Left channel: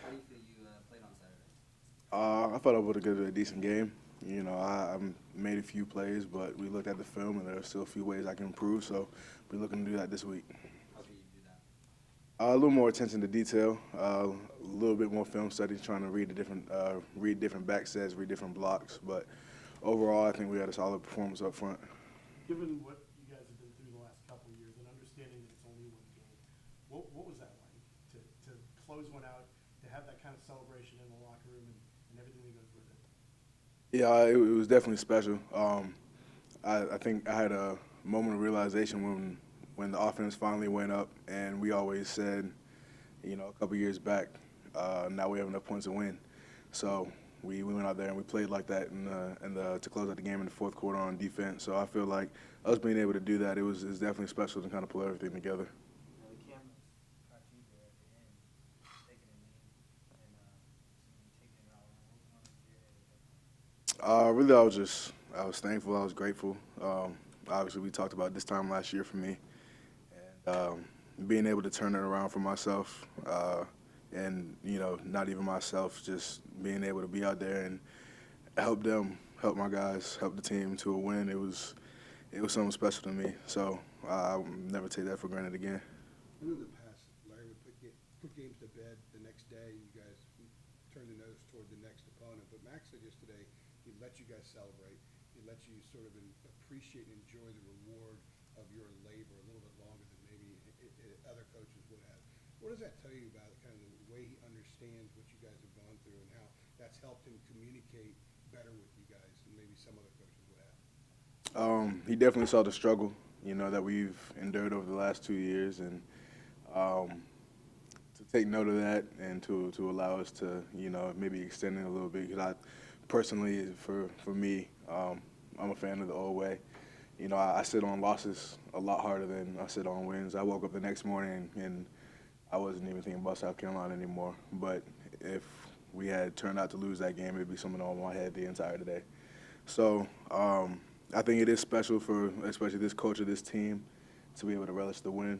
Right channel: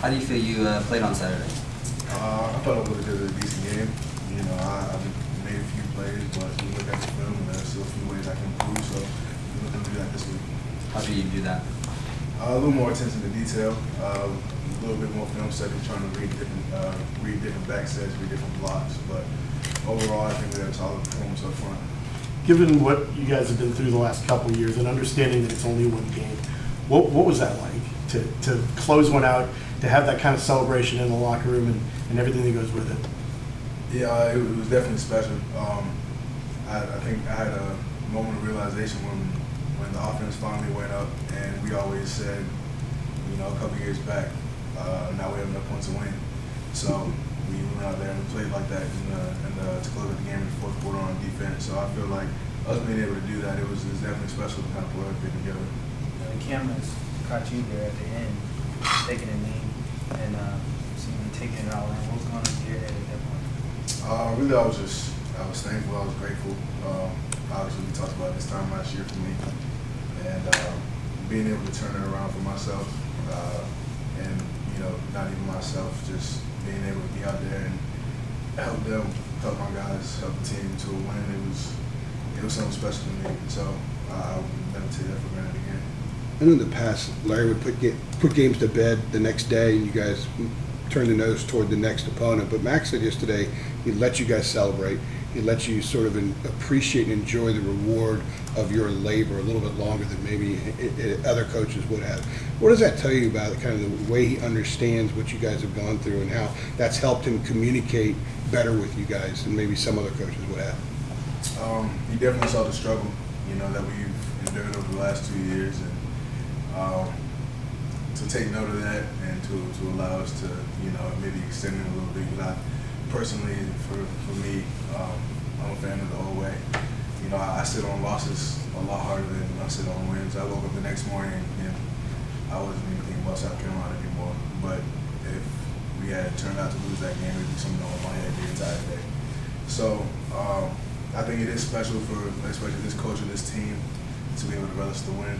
How do you feel you played on Saturday? I thought I would have did a decent game. You know, I made a few plays, but we look at the film and there's still a few ways I can improve. So we're looking to do that this week. How do you do that? A little more attention to detail, a little bit more film study, trying to read different back sets, read different blocks. But overall, I think we had a solid performance up front. Given what you guys have been through the last couple of years and understanding that it's only one game, what was that like to close one out, to have that kind of celebration in the locker room and everything that goes with it? Yeah, it was definitely special. I think I had a moment of realization when the offense finally went up, and we always said, you know, a couple years back, now we have enough points to win. So we went out there and we played like that to close out the game in the fourth quarter on defense. So I feel like us being able to do that, it was definitely special to kind of pull everything together. The cameras caught you there at the end, taking a knee and seeing you taking it all in. What was going on in your head at that point? Really, I was thankful. I was grateful. Obviously, we talked about this time last year for me, and being able to turn it around for myself, and you know, not even myself, just being able to be out there and help them, help my guys, help the team to a win. It was something special to me. So I will never take that for granted again. I know in the past, Larry would put games to bed the next day, and you guys turn the nose toward the next opponent. But Max said yesterday he let you guys celebrate. He let you sort of appreciate and enjoy the reward of your labor a little bit longer than maybe other coaches would have. What does that tell you about kind of the way he understands what you guys have gone through and how that's helped him communicate better with you guys than maybe some other coaches would have? He definitely saw the struggle, you know, that we've endured over the last 2 years, and to take note of that and to allow us to, you know, maybe extend it a little bit. Because personally, for me, I'm a fan of the old way. You know, I sit on losses a lot harder than I sit on wins. I woke up the next morning and I wasn't even thinking about South Carolina anymore. But if we had turned out to lose that game, it would be something on my head the entire day. So I think it is special for especially this coach of this team to be able to relish the win.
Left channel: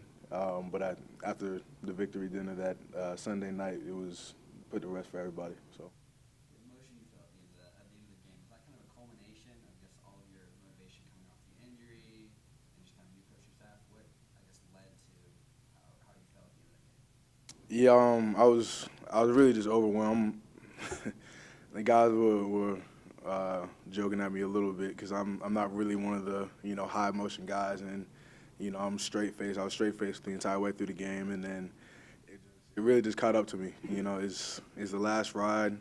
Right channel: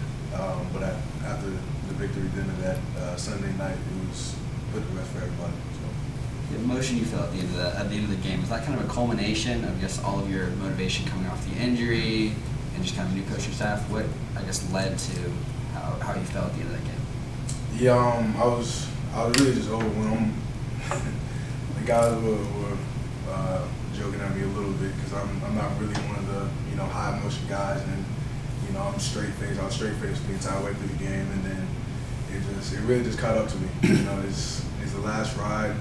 But after the victory dinner that Sunday night, it was put to rest for everybody. So. The emotion you felt at the end of the game, was that kind of a culmination of just all of your motivation coming off the injury and just kind of new coaching staff? What, I guess, led to how you felt at the end of that game? Yeah, I was really just overwhelmed. The guys were joking at me a little bit because I'm not really one of the, you know, high emotion guys, and you know, I'm straight faced. I was straight faced the entire way through the game, and then it really just caught up to me. You know, it's the last ride.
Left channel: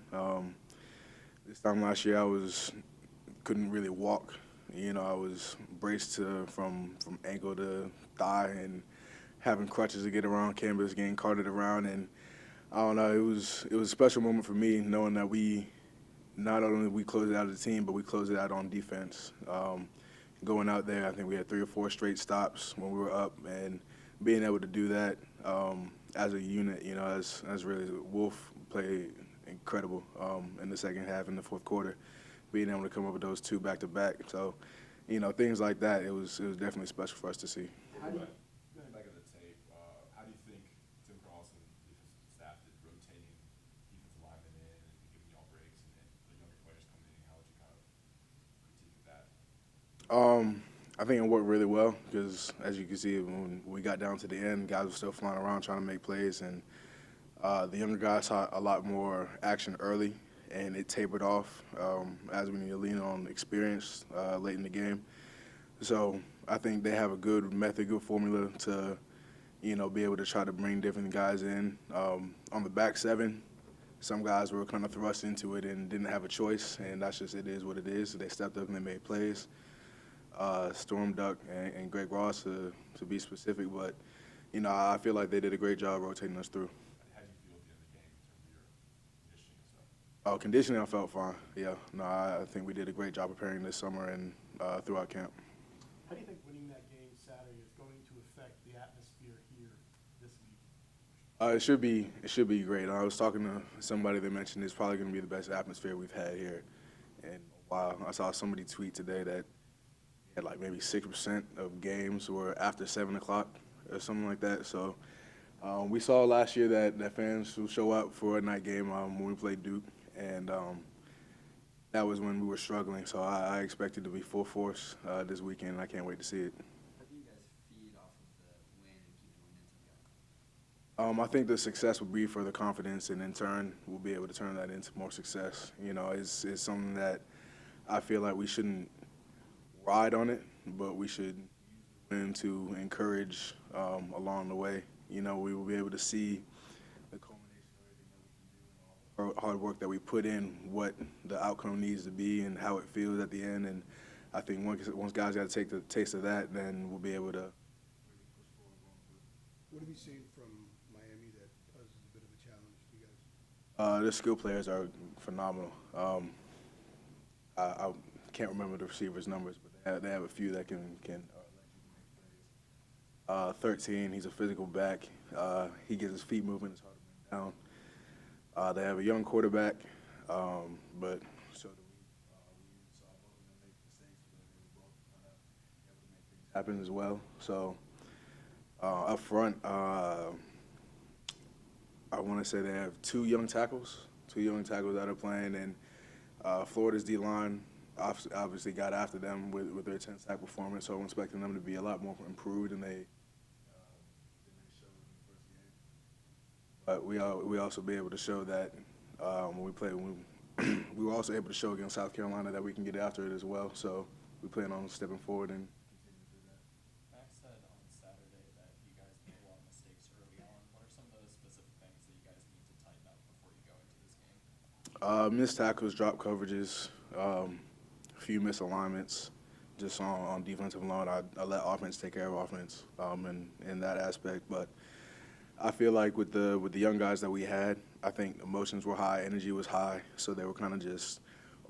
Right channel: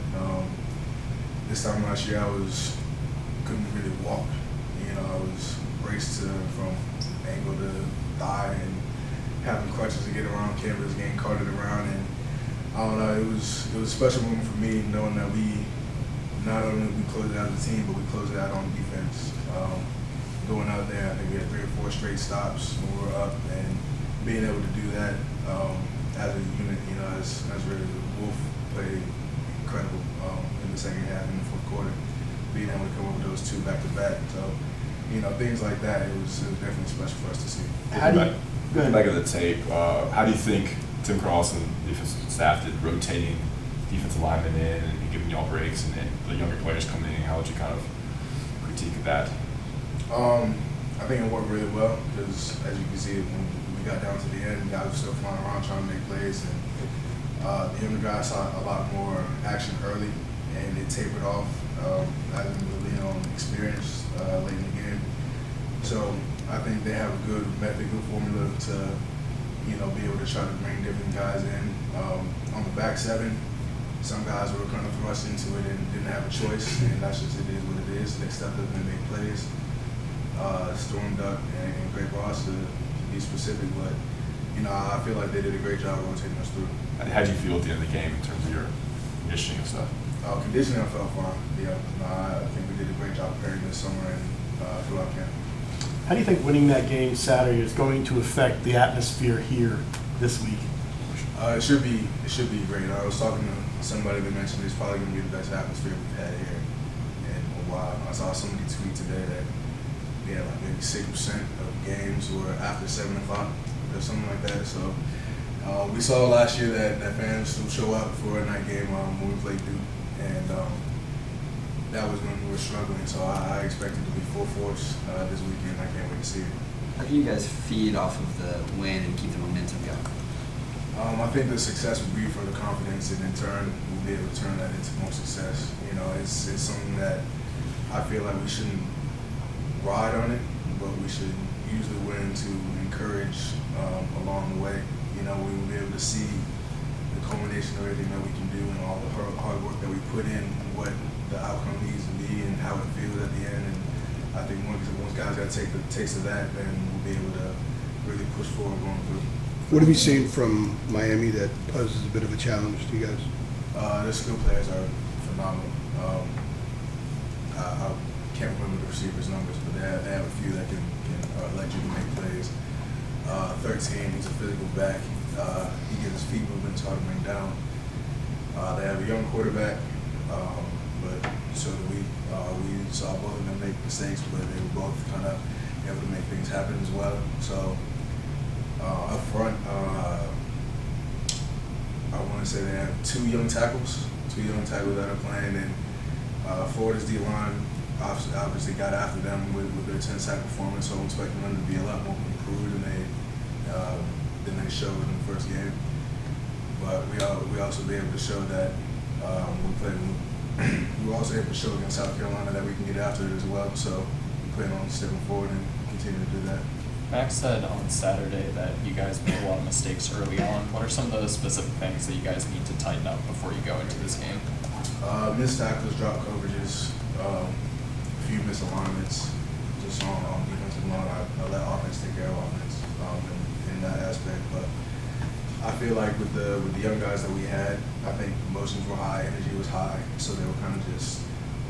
This time last year, couldn't really walk. You know, I was braced from ankle to thigh and having crutches to get around campus, getting carted around, and I don't know. It was a special moment for me, knowing that we not only we closed it out as a team, but we closed it out on defense. Going out there, I think we had 3 or 4 straight stops when we were up, and being able to do that as a unit, you know, as really the Wolf played incredible in the second half, in the fourth quarter, being able to come up with those 2 back-to-back. So, you know, things like that, it was definitely special for us to see. Back of the tape, how do you think Tim Cross and the defensive staff did rotating defensive linemen in and giving y'all breaks and then the younger players coming in? How would you kind of critique that? I think it worked really well because, as you can see, when we got down to the end, guys were still flying around trying to make plays, and the younger guys saw a lot more action early, and it tapered off as we lean on experience late in the game. So I think they have a good method, good formula to, you know, be able to try to bring different guys in. On the back 7, some guys were kind of thrust into it and didn't have a choice, and that's just, it is what it is. They stepped up and made plays. Storm Duck and Greg Ross to be specific, but you know, I feel like they did a great job rotating us through. How did you feel at the end of the game in terms of your conditioning and stuff? Conditioning, I felt fine. Yeah, no, I think we did a great job preparing this summer and throughout camp. How do you think winning that game Saturday is going to affect the atmosphere here this week? It should be great. I was talking to somebody that mentioned it's probably going to be the best atmosphere we've had here in a while. I saw somebody tweet today that like maybe 6% of games were after 7 o'clock or something like that. So We saw last year that fans still show up for a night game when we played Duke, and that was when we were struggling. So I expect it to be full force this weekend. I can't wait to see it. How can you guys feed off of the win and keep the momentum going? I think the success will be for the confidence, and in turn, we'll be able to turn that into more success. You know, it's something that I feel like we shouldn't ride on it, but we should use the win to encourage along the way. You know, we will be able to see the culmination of everything that we can do and all the hard work that we put in, what the outcome needs to be and how it feels at the end. And I think once guys got to take the taste of that, then we'll be able to really push forward going through. What have you seen from Miami that poses a bit of a challenge to you guys? Their skill players are phenomenal. I can't remember the receivers' numbers, but they have a few that can let you make plays. 13, he's a physical back. He gets his feet moving, it's hard to bring down. They have a young quarterback, but so we saw both of them make mistakes, but they were both kind of able to make things happen as well. So up front, I want to say they have two young tackles that are playing, and Florida's D-line obviously got after them with their 10-sack performance, so I'm expecting them to be a lot more improved than they showed in the first game. But we also be able to show that we were also able to show against South Carolina that we can get after it as well. So we plan on stepping forward and continue to do that. Max said on Saturday that you guys made a lot of mistakes early on. What are some of those specific things that you guys need to tighten up before you go into this game? Missed tackles, drop coverages, a few misalignments. Just on defensive line, I let offense take care of offense in that aspect. But I feel like with the young guys that we had, I think emotions were high, energy was high, so they were kind of just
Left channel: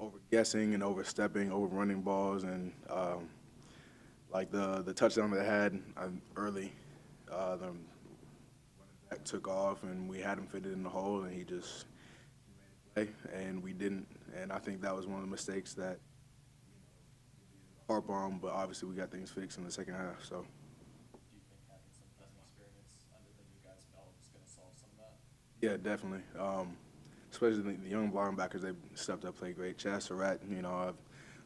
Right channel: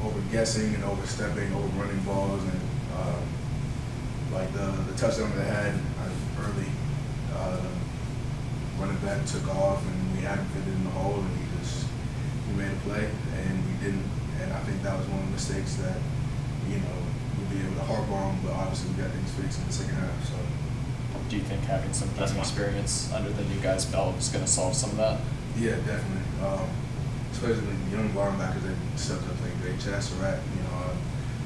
over guessing and overstepping, overrunning balls, and like the touchdown that they had early, running back took off and we had him fitted in the hole, and he made a play and we didn't. And I think that was one of the mistakes that we'd be able to harp on, but obviously we got things fixed in the second half. So. Do you think having some game experience under the new guy's belt is going to solve some of that? Yeah, definitely. Especially the young linebackers that stepped up playing great. Chad Surratt,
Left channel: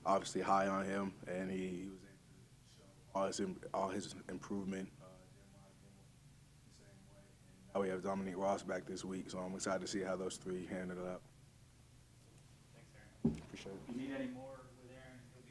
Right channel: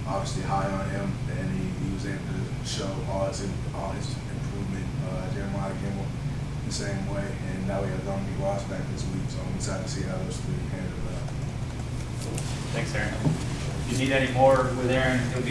obviously high on him, and he was able to show all his improvement. Jeremiah Kimball the same way, and now we have Dominique Ross back this week, so I'm excited to see how those three handle it out. Thanks, Aaron. If you need any more with Aaron, he'll be